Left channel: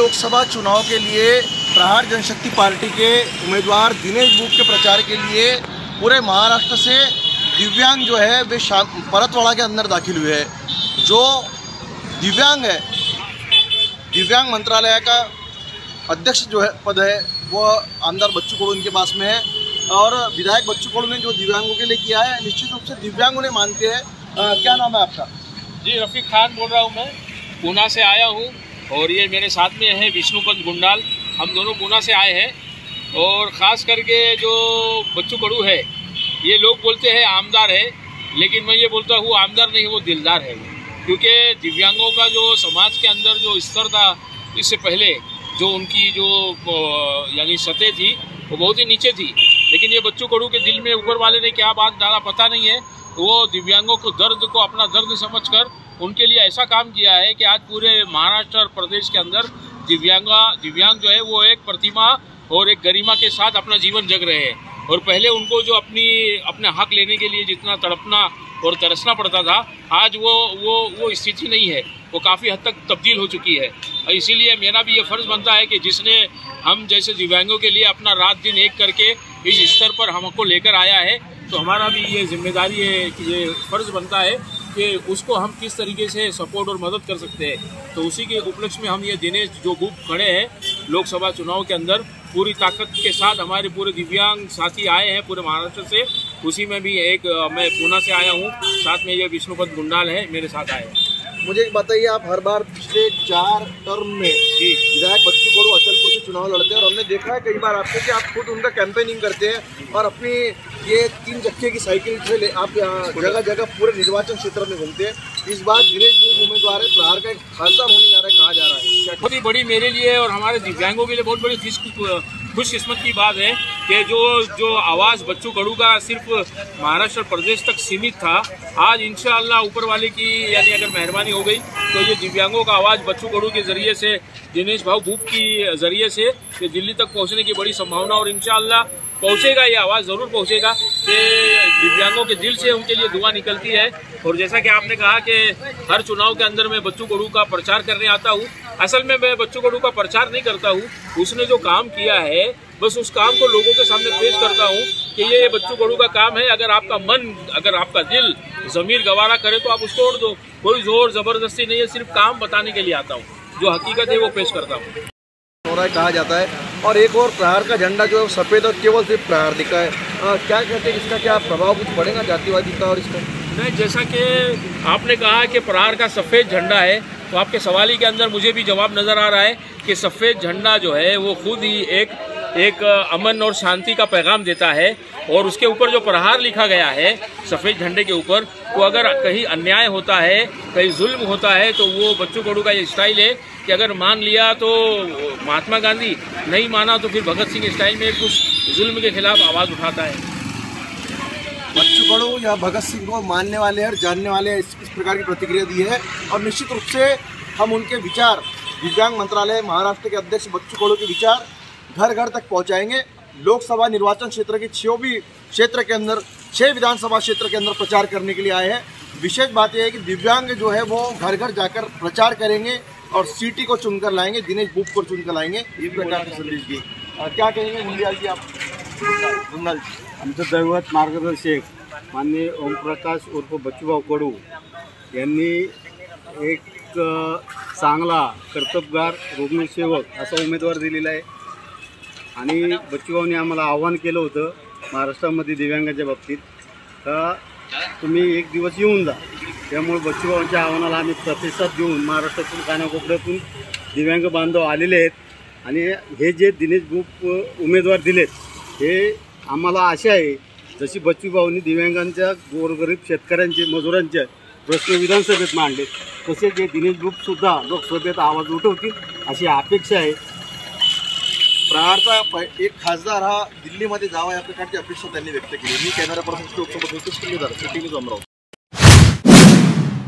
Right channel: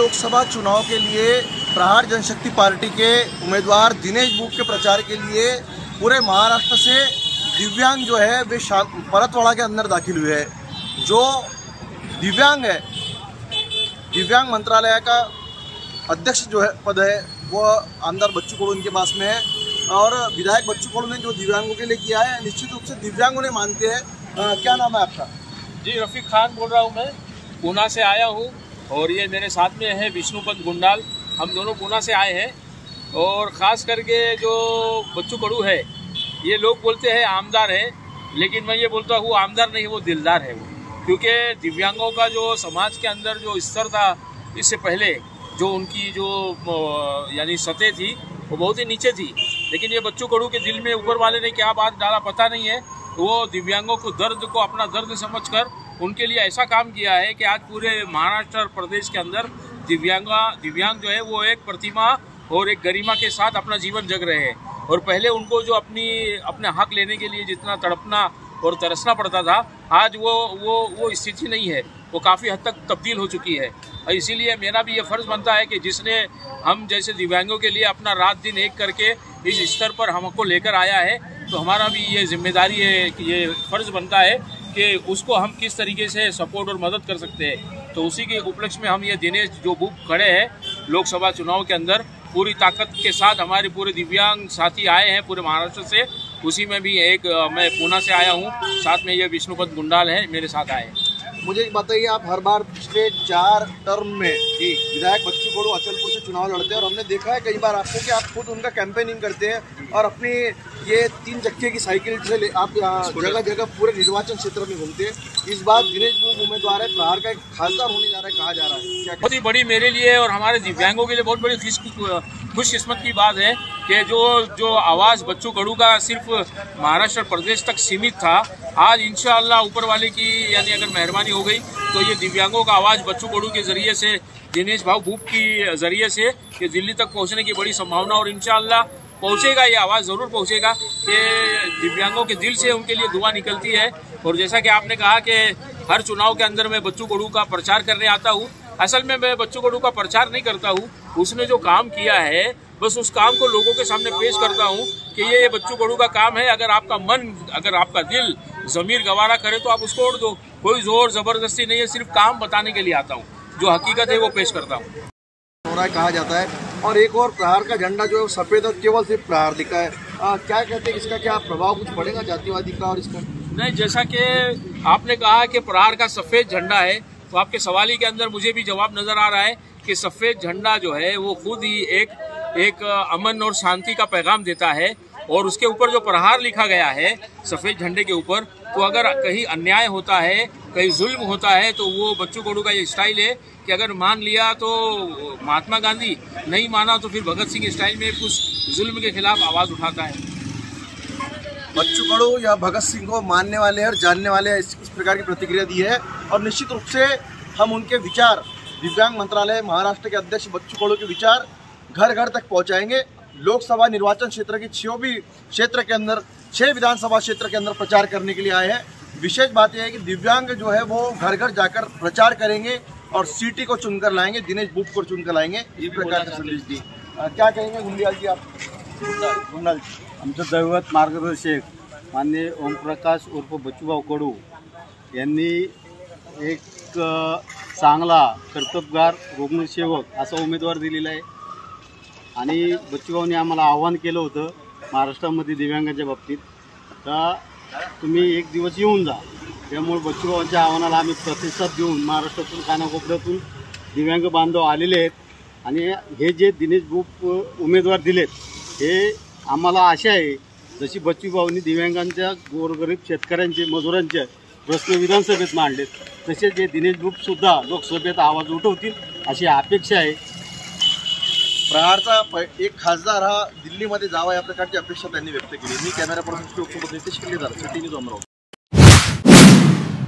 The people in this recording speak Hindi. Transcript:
लोकसभा चुनाव के लिए प्रहार जनशक्ति पार्टी के उम्मीदवार दिनेश बुक के प्रचार के लिए पूरे महाराष्ट्र से दिव्यांग जो है वे परतवाड़ा के अंदर दाखिल हुए हैं। जो दिव्यांग है, दिव्यांग मंत्रालय का अध्यक्ष जो है पद है वो आमदार बच्चू कडू इनके पास में है और विधायक बच्चू कडू ने जो दिव्यांगों के लिए किया है निश्चित रूप से दिव्यांग उन्हें मानते हैं। क्या नाम है आपका? जी, रफीक खान बोल रहा हूँ, मैं पूना से आया हूँ और ये मेरे साथ में है विष्णुपत गुंडाल। हम दोनों पूना से आए हैं और ख़ास करके जो बच्चू कडू है ये लोग बोलते हैं आमदार है, लेकिन मैं ये बोलता हूँ आमदार नहीं, वो दिलदार है। क्योंकि दिव्यांगों का जो समाज के अंदर जो स्तर था इससे पहले जो उनकी जो यानी सतह थी वो बहुत ही नीचे थी, लेकिन ये बच्चू कडू के दिल में ऊपर वाले ने क्या बात डाला पता नहीं है। वो दिव्यांगों को दर्द को अपना दर्द समझकर उनके लिए ऐसा काम किया है कि आज पूरे महाराष्ट्र और प्रदेश के अंदर दिव्यांग जो है वो एक प्रतिमा और एक गरिमा के साथ अपना जीवन जग रहे हैं। और पहले उनको जो अपने हक लेने के लिए जितना तड़पना और तरसना पड़ता था, आज वो स्थिति नहीं है, वो काफ़ी हद तक तब्दील हो चुकी है। और इसीलिए मेरा भी ये फ़र्ज़ बनता है कि जिसने हम जैसे दिव्यांगों के लिए अपना रात दिन एक करके इस स्तर पर हमको लेकर आया है, तो हमारा भी ये जिम्मेदारी है कि ये फ़र्ज़ बनता है कि उसको हम किस तरीके से सपोर्ट और मदद कर सकते हैं। तो उसी के उपलक्ष्य में हम ये दिनेश जो बुक खड़े हैं लोकसभा चुनाव के अंदर पूरी ताकत के साथ हमारे पूरे दिव्यांग साथी आए हैं पूरे महाराष्ट्र से। उसी में भी एक मैं पूना से आया हूँ, साथ में ये विष्णुपत गुंडाल है मेरे साथ आए हैं। मुझे एक बताइए, आप हर बार पिछले 4 टर्म में विधायक बच्चू कडू अचलपुर से चुनाव लड़ते हैं और हमने देखा है कई बार आपको कि आप खुद उनका कैंपेनिंग करते हैं और अपनी ये 3 चक्के की साइकिल से आप जगह जगह पूरे निर्वाचन क्षेत्र में घूमते हैं। इस बार दिनेश बुक उम्मीदवार है, प्रहार का खासदार होने जा रहा है, कहा जा रहा है। बहुत ही बड़ी मेरे लिए और हमारे दिव्यांगों के लिए बहुत बड़ी खुशकिस्मत की बात है कि जो आवाज़ बच्चू कडू का सिर्फ महाराष्ट्र प्रदेश तक सीमित था, आज इंशाअल्लाह ऊपर वाले की यानी अगर मेहरबानी हो गई तो ये दिव्यांगों का आवाज़ बच्चू कडू के ज़रिए से, दिनेश भाव बुक की ज़रिए से ये दिल्ली तक पहुंचने की बड़ी संभावना और इंशाअल्लाह पहुंचेगा, ये आवाज़ ज़रूर पहुंचेगा कि दिव्यांगों के दिल से उनके लिए दुआ निकलती है। और जैसा कि आपने कहा कि हर चुनाव के अंदर मैं बच्चू कडू का प्रचार करने आता हूँ, असल में मैं बच्चू कडू का प्रचार नहीं करता हूँ, उसने जो काम किया है बस उस काम को लोगों के सामने पेश करता हूँ कि ये बच्चू कडू का काम है। अगर आपका मन, अगर आपका दिल ज़मीर गवारा करे तो आप उसको ओढ़ दो, कोई जोर ज़बरदस्ती नहीं है, सिर्फ काम बताने के लिए आता हूँ, जो हकीकत है वो पेश करता हूँ। हो रहा है कहा जाता है। और एक और प्रहार का झंडा जो है सफ़ेद और केवल सिर्फ प्रहार दिखा है, क्या कहते हैं इसका क्या प्रभाव कुछ पड़ेगा जातिवादी का? और इसका नहीं, जैसा कि आपने कहा कि प्रहार का सफ़ेद झंडा है, तो आपके सवाल के अंदर मुझे भी जवाब नज़र आ रहा है कि सफ़ेद झंडा जो है वो खुद ही एक अमन और शांति का पैगाम देता है। और उसके ऊपर जो प्रहार लिखा गया है सफ़ेद झंडे के ऊपर, तो अगर कहीं अन्याय होता है, कहीं जुल्म होता है, तो वो बच्चू कडू का ये स्टाइल है कि अगर मान लिया तो महात्मा गांधी, नहीं माना तो फिर भगत सिंह स्टाइल में कुछ जुल्म के खिलाफ आवाज़ उठाता है। बच्चू कडू या भगत सिंह को मानने वाले और जानने वाले इस प्रकार की प्रतिक्रिया दी है और निश्चित रूप से हम उनके विचार, दिव्यांग मंत्रालय महाराष्ट्र के अध्यक्ष बच्चू कडू के विचार घर घर तक पहुंचाएंगे। लोकसभा निर्वाचन क्षेत्र के 6 विधानसभा क्षेत्र के अंदर प्रचार करने के लिए आए हैं। विशेष बात यह है कि दिव्यांग जो है वो घर घर जाकर प्रचार करेंगे और सिटी को चुनकर लाएंगे, दिनेश बुक को चुनकर लाएंगे, इस प्रकार का संदेश दिए। क्या कहेंगे गुंडियाल जी आप? गुंडाल जी, आमचं दैवत मार्गदर्शक माननीय ओमप्रकाश उर्फ बच्चूभाऊ कडू यांनी एक चांगला कर्तबगार रुग्णसेवक असा उमेदवार दिलेला आहे आणि बच्चूभाऊंनी आम्हाला आव्हान केलं होतं महाराष्ट्रामध्ये दिव्यांगाच्या बाबतीत का तुम्ही एक दिवस येऊन जा। त्यामुळे बच्चूभाऊंच्या आव्हानाला आम्ही प्रतिसाद देऊन महाराष्ट्रातून कानाकोपऱ्यातून दिव्यांग बांधव आलेले आहेत आणि हे जे दिनेश बुक उमेदवार दिलेत हे आम्हाला आशा आहे जशी बच्चूभाऊंनी दिव्यांगांच्या, गोरगरीब शेतकऱ्यांचे, मजुरांचे प्रश्न विधानसभेत मांडलेत, तसे जे दिनेश बुकसुद्धा लोकसभेत आवाज उठवतील अशी अपेक्षा आहे। प्रहारचा एक खासदार हा दिल्लीमध्ये जावा या प्रकारची अपेक्षा त्यांनी व्यक्त केली। मी कॅमेरा पर्सन नितीश किल्लेदार, सिटी न्यूज अमरावती।